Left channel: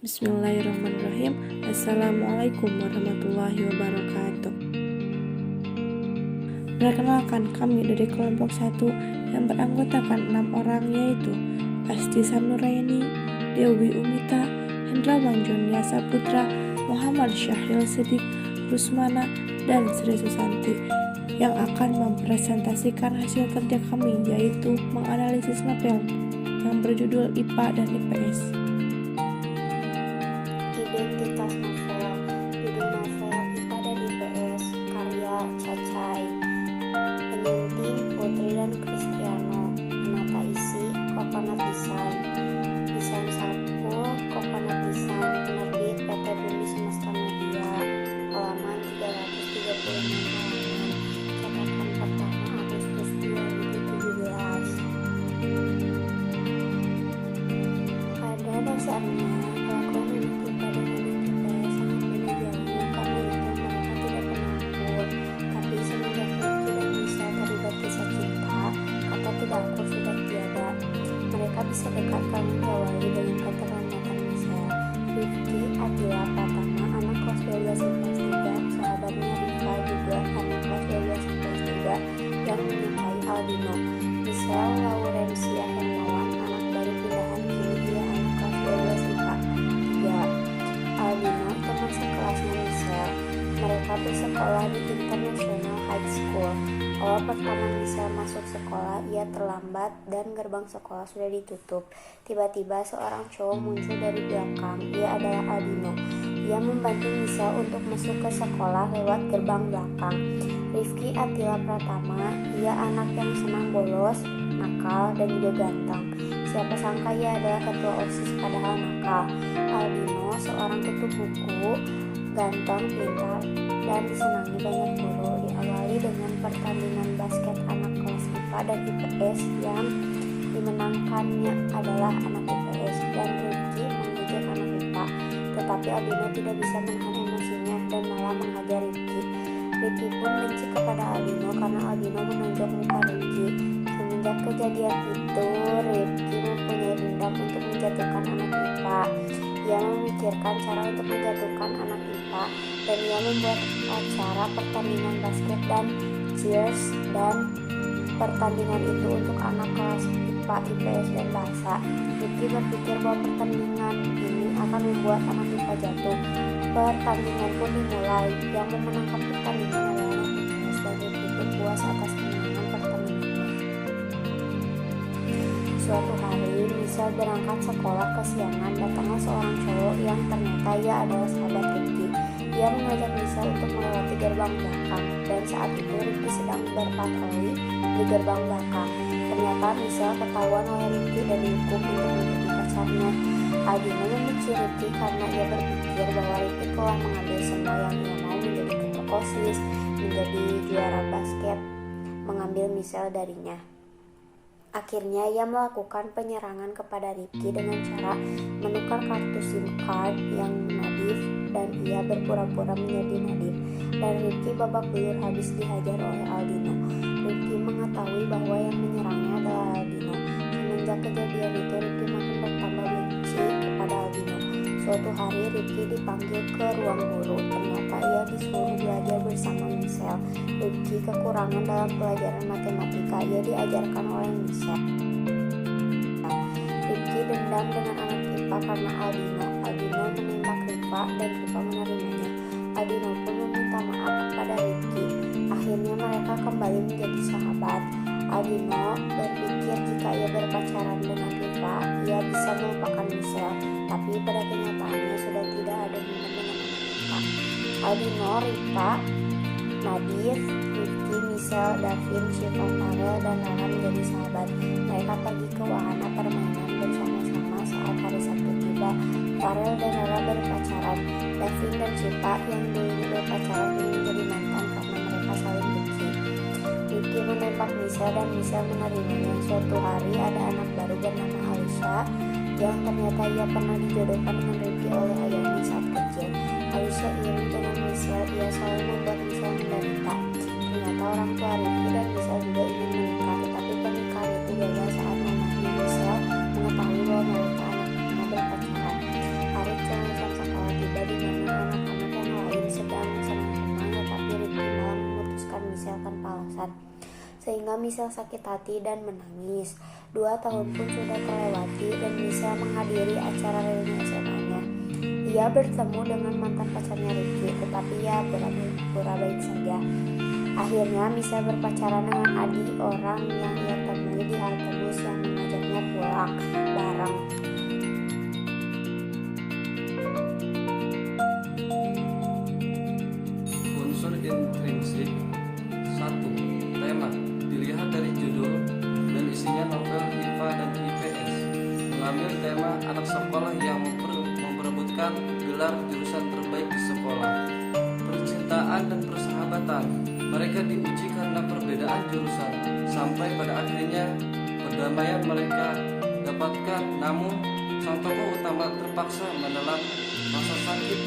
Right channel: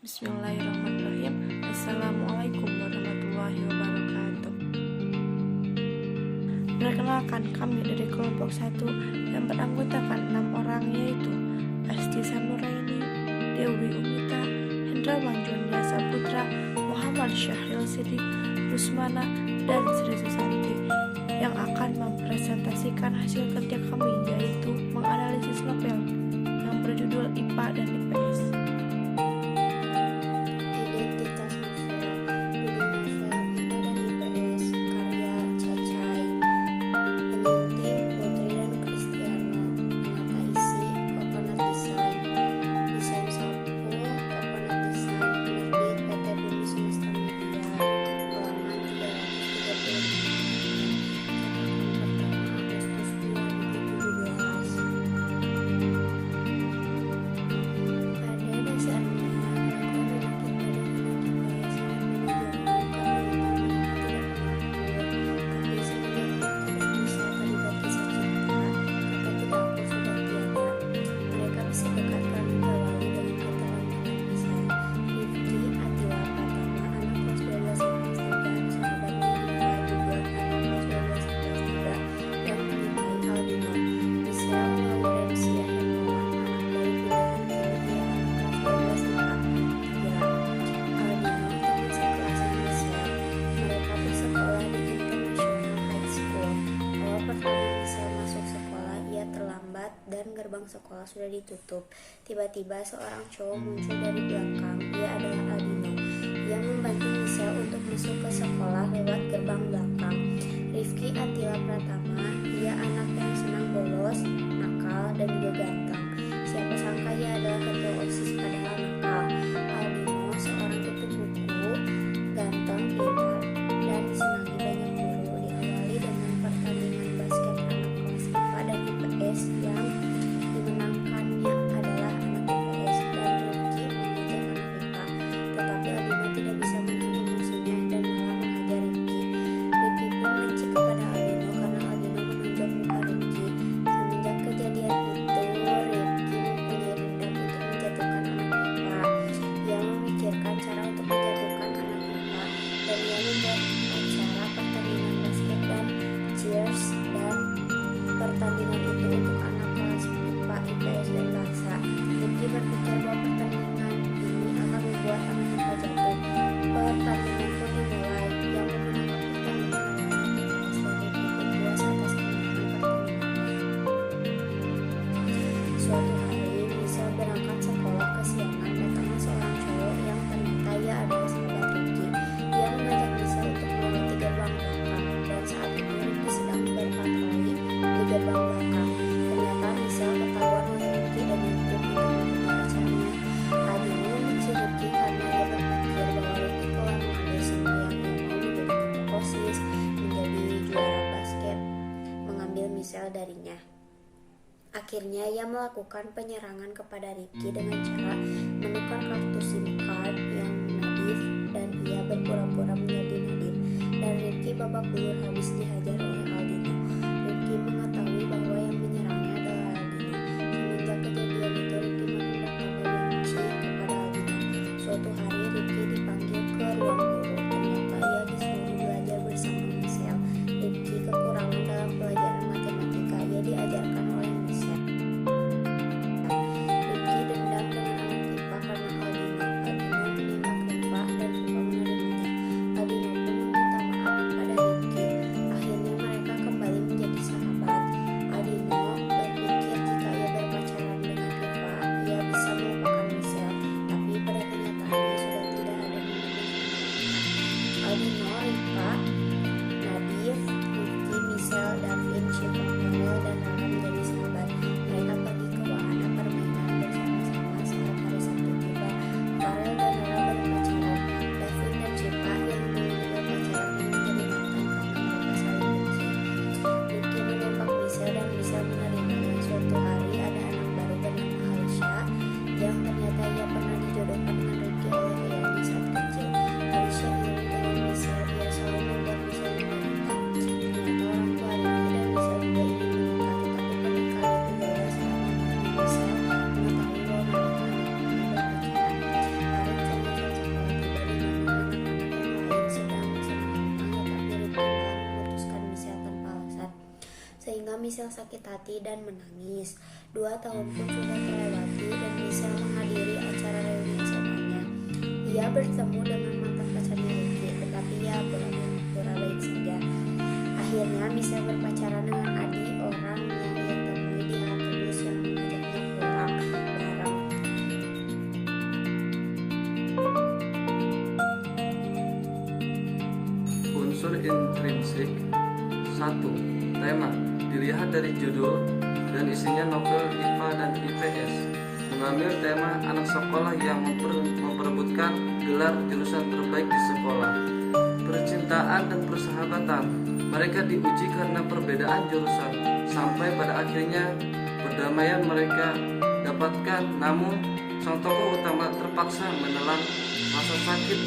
Bismillahirrahmanirrahim. Assalamualaikum warahmatullahi wabarakatuh. Perkenalkan, kami dari kelompok 1 yang beranggotakan 6 orang, yaitu Asti Sanuraini, Dewi Umita, Hendrawan Jonia Saputra, Muhammad Syahril Sidik, Rusmana, dan Sri Susanti, yang akan mempresentasikan hasil kerja kami, yaitu menganalisis novel yang berjudul IPA dan IPS. Identitas novel. Judul novel IPA dan IPS, karya Cacai. Penyunting Putri dan Kristiano. Penata isi Coconut Design. Desain saku Coconut Design. Penerbit PT Bumi Semesta Media. Halaman 336 halaman. Catatan pertama Agustus 2017. Pada dasarnya bisa dekat kami diawali dengan keterlambatan Michelle. Rifki Atila Pratama, anak kelas 12 IPS 3, sahabatnya Riva juga anak kelas 12 IPS 3 yang menikahi Aldino. Michelle Laurencia Hermawan, anak baru pindahan kini dia anak kelas 12 IPA 3. Aldino teman sekelasnya Michelle. Mereka bersekolah di International High School. Awal pertama Michelle masuk sekolah, ia terlambat dan gerbang sekolah sudah ditutup. Tiba-tiba seorang cowok muncul dari belakang. Ia adalah Aldino. Ia membantu Michelle untuk masuk ke sekolah lewat gerbang belakang. Rifki Atila Pratama, ia anak yang senang bolos, nakal, dan juga ganteng. Siapa sangka ia adalah ketua OSIS padahal nakal. Aldino seorang tutup buku, ganteng, pintar, dan disenangi banyak guru. Diawali dengan pertandingan basket anak kelas IPA dan IPS yang dimenangkannya adalah anak IPS, dan Rifki mengejek anak IPA. Tetapi Aldino tidak bisa menahan emosinya dan malah menghajar Rifki. Rifki pun benci kepada Aldino karena Aldino menonjok muka Rifki. Semenjak kejadian itu, Rifki mempunyai dendam untuk menjatuhkan anak IPA. Ia memikirkan cara untuk menjatuhkan anak IPA, dan ia membuat acara pertandingan basket dan cheers, dan pertandingan itu untuk anak kelas IPA, IPS, dan bahasa. Rifki berpikir bahwa pertandingan ini akan membuat anak IPA jatuh. Pertandingan pun dimulai. Yang memenangkan pertandingan adalah anak IPS, dan Rifki pun puas atas kemenangan pertandingannya. Suatu hari, Michelle berangkat sekolah kesiangan. Datanglah seorang cowok yang ternyata ia adalah sahabat Rifki. Ia mengajak Michelle untuk melewati gerbang belakang, dan saat itu Rifki sedang berpatroli di gerbang belakang. Ternyata Michelle ketahuan oleh Rifki dan dihukum untuk membunuh pacarnya. Aldino membenci Rifki karena ia berpikir bahwa Rifki telah mengambil semua yang ia mau, menjadi ketua OSIS, menjadi juara basket, mengambil Michelle darinya. Akhirnya ia melakukan penyerangan kepada Rifki dengan cara menukar kartu SIM card yang Nadif, dan ia berpura-pura menjadi Nadif, dan Rifki babak belur habis dihajar oleh Aldino. Rifki mengetahui bahwa yang menyerangnya adalah Aldino. Semenjak kejadian itu, Rifki makin bertambah benci kepada Aldino. Suatu hari Rifki dipanggil ke ruang guru. Ternyata ia disuruh belajar bersama Michelle. Rifki kekurangan dalam pelajaran matematika. Ia diajarkan oleh Michelle. Rifki dendam dengan anak IPA karena Aldino. Aldino menembak Riva dan Riva menerimanya. Aldino pun meminta maaf kepada Rifki. Akhirnya mereka kembali menjadi sahabat. Aldino berpikir jika ia berpacaran dengan Riva, ia bisa melupakan Michelle. Tapi pada kenyataannya sudah tidak ada hubungan dengan anak IPA. Aldino, Riva, Nadif, Rifki, Michelle, Davin, Syifa, Farel, dan Rara menjadi sahabat. Mereka pergi ke wahana permainan bersama-sama. Saat hari Sabtu tiba, Farel dan Rara berpacaran. Davin dan Syifa yang dulu berpacaran ini menjadi mantan karena mereka saling benci. Rifki menembak Michelle dan Michelle menerimanya. Suatu hari ada anak baru bernama Alicia, yang ternyata ia pernah dijodohkan dengan Rifki oleh ayahnya saat kecil. Alicia iri dengan Michelle. Ia selalu membuat Michelle menderita. Ternyata orang tua Rifki dan Michelle juga ingin menikah, tetapi pernikahan itu gagal saat mamanya Michelle mengetahui bahwa mereka anak-anaknya berpacaran. Hari Michelle sakit hati dan menangis. 2 tahun pun sudah terlewati dan Michelle menghadiri acara reuni SMA-nya. Ia bertemu dengan mantan pacarnya Rifki, tetapi ia pura-pura baik saja. Akhirnya Michelle berpacaran dengan Adi, orang yang ia temui di halte bus yang mengajaknya pulang bareng. Unsur intrinsik 1. Tema dilihat dari judul dan isinya novel IPA dan IPS. Mengambil tema anak sekolah yang memperebutkan gelar jurusan terbaik di sekolah. Percintaan dan persahabatan. Mereka diuji karena perbedaan jurusan. Sampai pada akhirnya perdamaian mereka dapatkan. Namun sang tokoh utama terpaksa menelan rasa sakit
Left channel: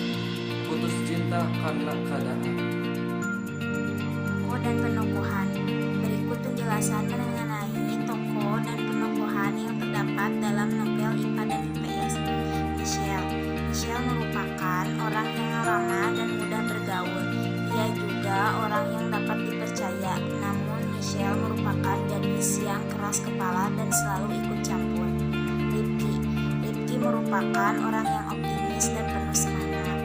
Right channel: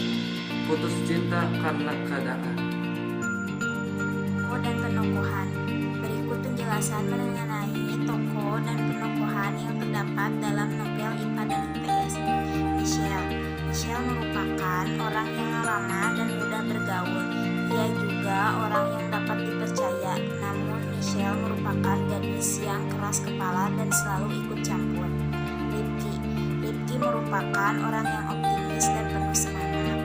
putus cinta karena keadaan. Tokoh dan penokohan. Berikut penjelasan mengenai tokoh dan penokohan yang terdapat dalam novel IPA dan IPS. Michelle merupakan orang yang ramah dan mudah bergaul. Ia juga orang yang dapat dipercaya. Namun Michelle merupakan gadis yang keras kepala dan selalu ikut campur. Rifki merupakan orang yang optimis dan penuh semangat.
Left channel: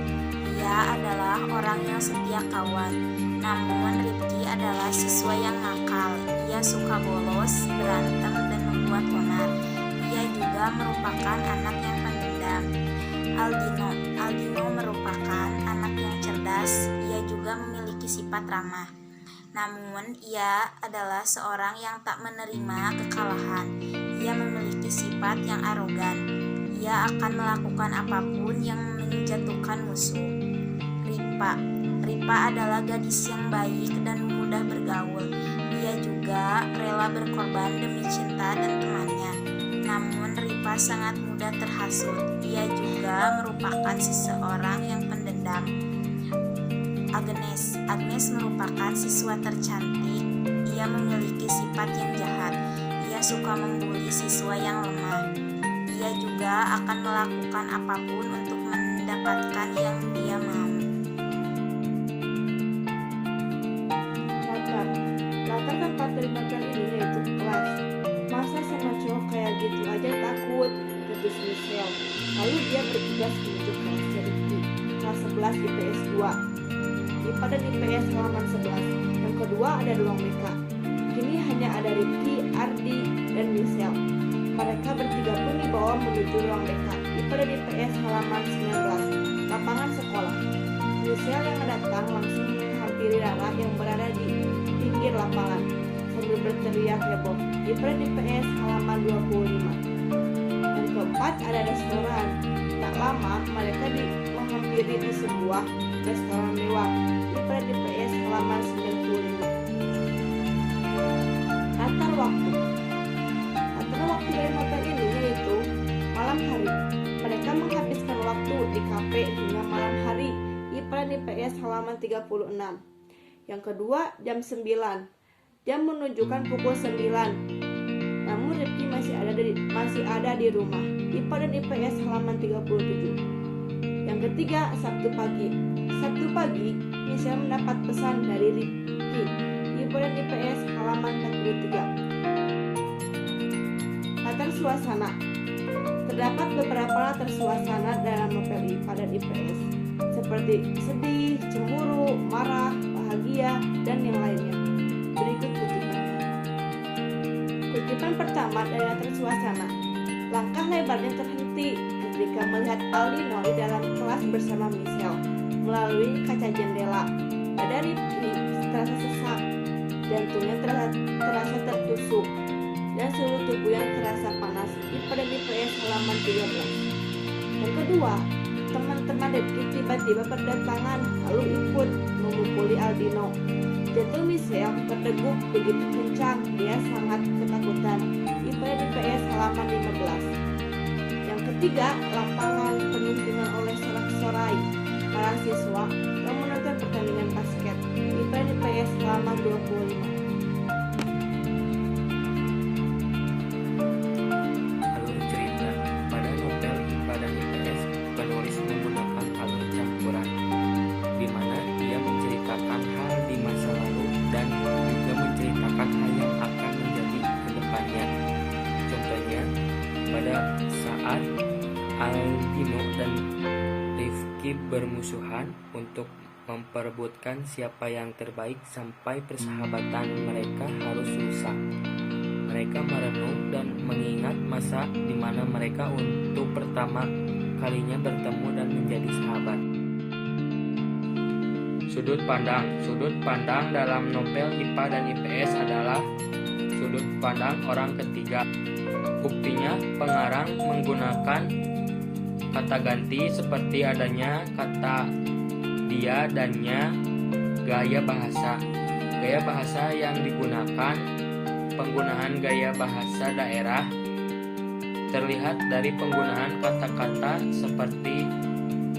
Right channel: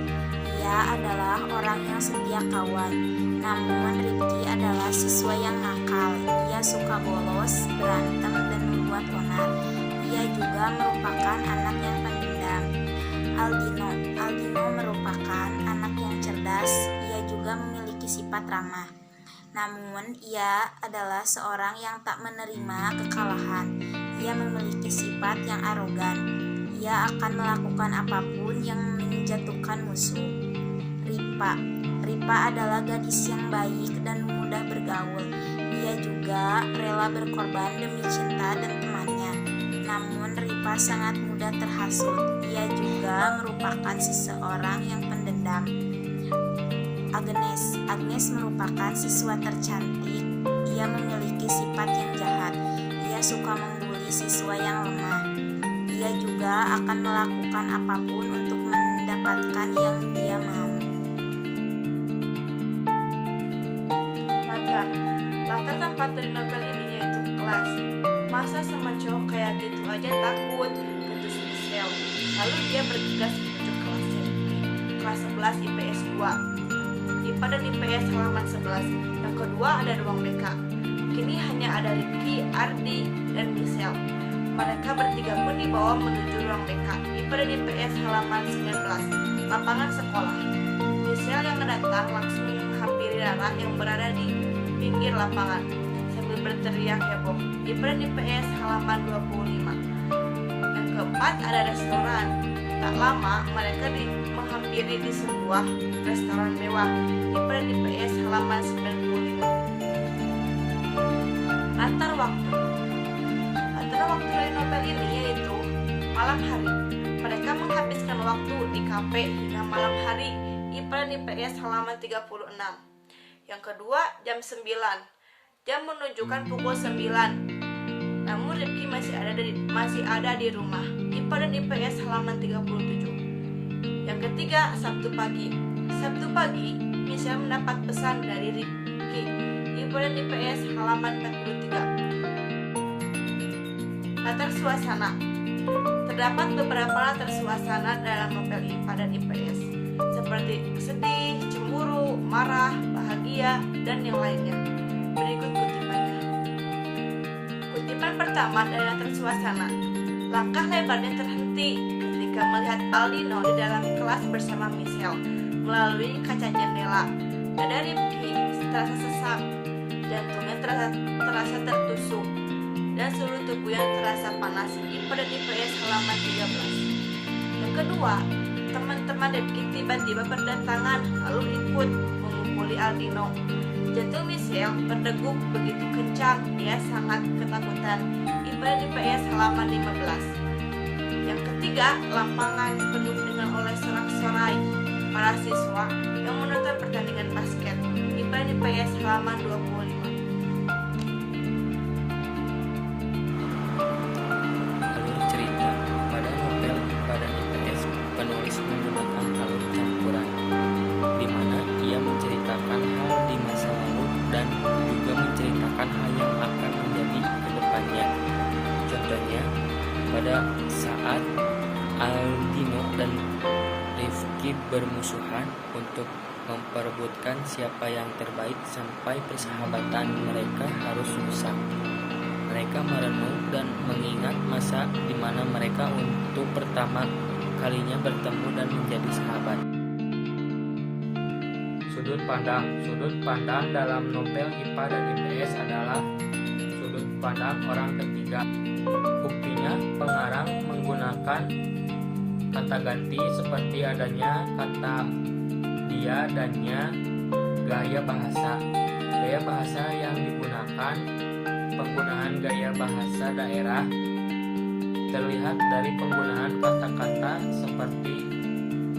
Ia adalah orang yang setia kawan. Namun Rifki adalah siswa yang nakal. Ia suka bolos, berantem, dan membuat onar. Ia juga merupakan anak yang pendendam. Aldino merupakan anak yang cerdas. Ia juga memiliki sifat ramah. Namun ia adalah seorang yang tak menerima kekalahan. Ia memiliki sifat yang arogan. Ia akan melakukan apapun yang menjatuhkan musuh. Ripa adalah gadis yang baik dan mudah bergaul. Ia juga rela berkorban demi cinta dan temannya. Namun Ripa sangat mudah terhasut. Ia juga merupakan seseorang yang pendendam. Agnes merupakan siswa tercantik. Ia memiliki sifat yang jahat. Ia suka membuli siswa yang lemah. Ia juga akan melakukan apapun untuk mendapatkan yang dia mau. Latar tempat dari novel ini yaitu kelas. Masa sama cowok kayak gitu aja takut, kata Michelle. Lalu dia bergegas menuju kelasnya Rifki, kelas 11 IPS 2. IPA dan IPS halaman 11. Yang kedua ada ruang BK. Kini hanya ada Rifki, Ardi, dan Michelle. Mereka bertiga pun dibawa menuju ruang BK. IPA dan IPS halaman 19. Lapangan sekolah. Michelle yang mendatang langsung menghampiri Rara yang berada di pinggir lapangan sambil berteriak heboh. IPA dan IPS halaman 25. Yang keempat ada restoran. Tak lama mereka menghampiri di sebuah restoran mewah. IPA dan IPS halaman 95. Latar waktu dari novel ini yaitu malam hari. Mereka menghabiskan waktu di kafe hingga malam hari. IPA dan IPS halaman 36. Yang kedua, jam 9. Jam menunjukkan pukul 9. Namun Rifki masih ada di rumah. IPA dan IPS halaman 37. Yang ketiga, Sabtu pagi. Sabtu pagi, Michelle mendapat pesan dari Rifki. IPA dan IPS halaman 43. Latar suasana. Terdapat beberapa latar suasana dalam novel IPA dan IPS, seperti sedih, cemburu, marah, bahagia, dan yang lainnya. Berikut kutipannya. Kutipan pertama dari latar suasana. Langkah lebarnya terhenti ketika melihat Aldino di dalam kelas bersama Michelle melalui kaca jendela. Dada Rifki terasa sesak, jantungnya terasa tertusuk, dan seluruh tubuhnya terasa panas. IPA dan IPS halaman 13. Yang kedua, teman-teman Rifki tiba-tiba berdatangan lalu ikut memukuli Aldino. Jantung Michelle berdegup begitu kencang, dia sangat ketakutan. IPA dan IPS halaman 15. Yang ketiga, lapangan penuh dengan oleh sorak-sorai para siswa yang menonton pertandingan basket. IPA dan IPS halaman 25. Alur cerita. Pada novel IPA dan IPS, penulis menggunakan alur campuran, di mana ia menceritakan hal di masa lalu dan juga menceritakan hal yang akan lainnya. Contohnya, pada saat Aldino dan Rifki bermusuhan untuk memperebutkan siapa yang terbaik sampai persahabatan mereka harus rusak. Mereka merenung dan mengingat masa di mana mereka untuk pertama kalinya bertemu dan menjadi sahabat. Sudut pandang dalam novel IPA dan IPS adalah sudut pandang orang ketiga. Buktinya, pengarang menggunakan kata ganti seperti adanya kata dia dannya gaya bahasa. Gaya bahasa yang digunakan, penggunaan gaya bahasa daerah, terlihat dari penggunaan kata-kata seperti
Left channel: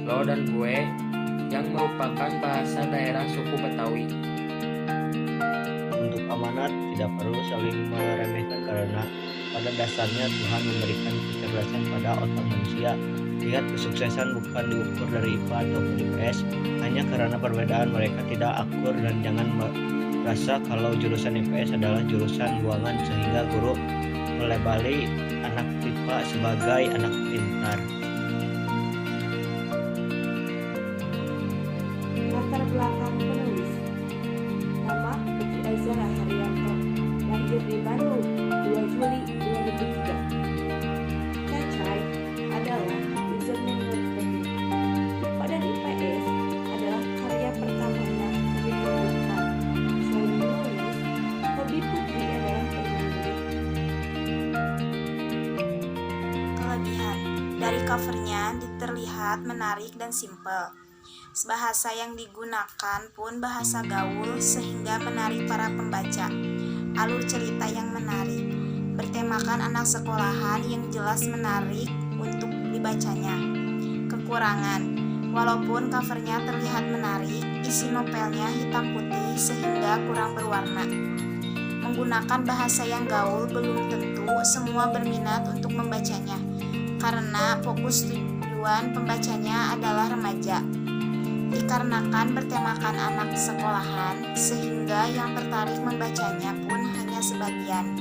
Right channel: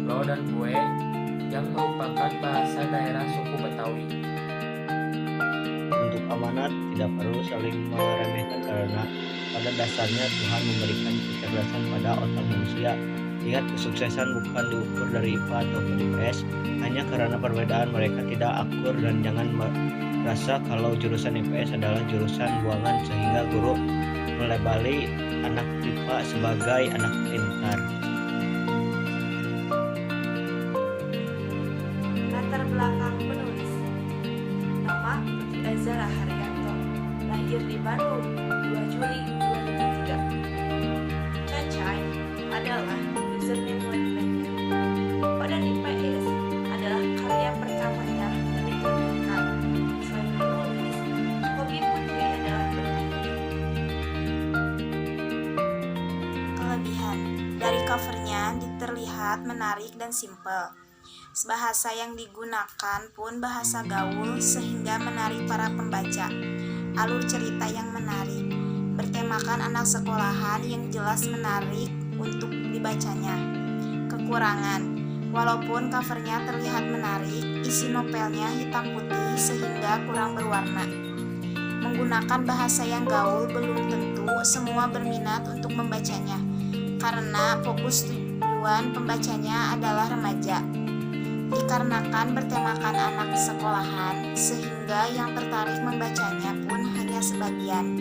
lo dan gue yang merupakan bahasa daerah suku Betawi. Untuk amanat tidak perlu saling meremehkan karena pada dasarnya Tuhan memberikan kecerdasan pada otak manusia. Lihat, kesuksesan bukan diukur dari IPA atau IPS hanya karena perbedaan mereka tidak akur, dan jangan merasa kalau jurusan IPS adalah jurusan buangan sehingga guru melabeli anak IPA sebagai anak pintar. Latar belakang penulis. Nama Putri Azhara Haryanto, lahir di Bandung 2 Juli 2003. Cacai adalah username webpage. Pada IPS adalah karya pertamanya yang ditemukan. Selain menulis, hobi Putri adalah bernyanyi. Kelebihan dari covernya terlihat menarik dan simpel. Bahasa yang digunakan pun bahasa gaul sehingga menarik para pembaca. Alur cerita yang menarik, bertemakan anak sekolahan yang jelas menarik untuk dibacanya. Kekurangan, walaupun covernya terlihat menarik, isi novelnya hitam putih sehingga kurang berwarna. Menggunakan bahasa yang gaul belum tentu semua berminat untuk membacanya, karena fokus tujuan pembacanya adalah remaja. Dikarenakan bertemakan anak sekolahan, sehingga yang tertarik membacanya pun hanya sebagian.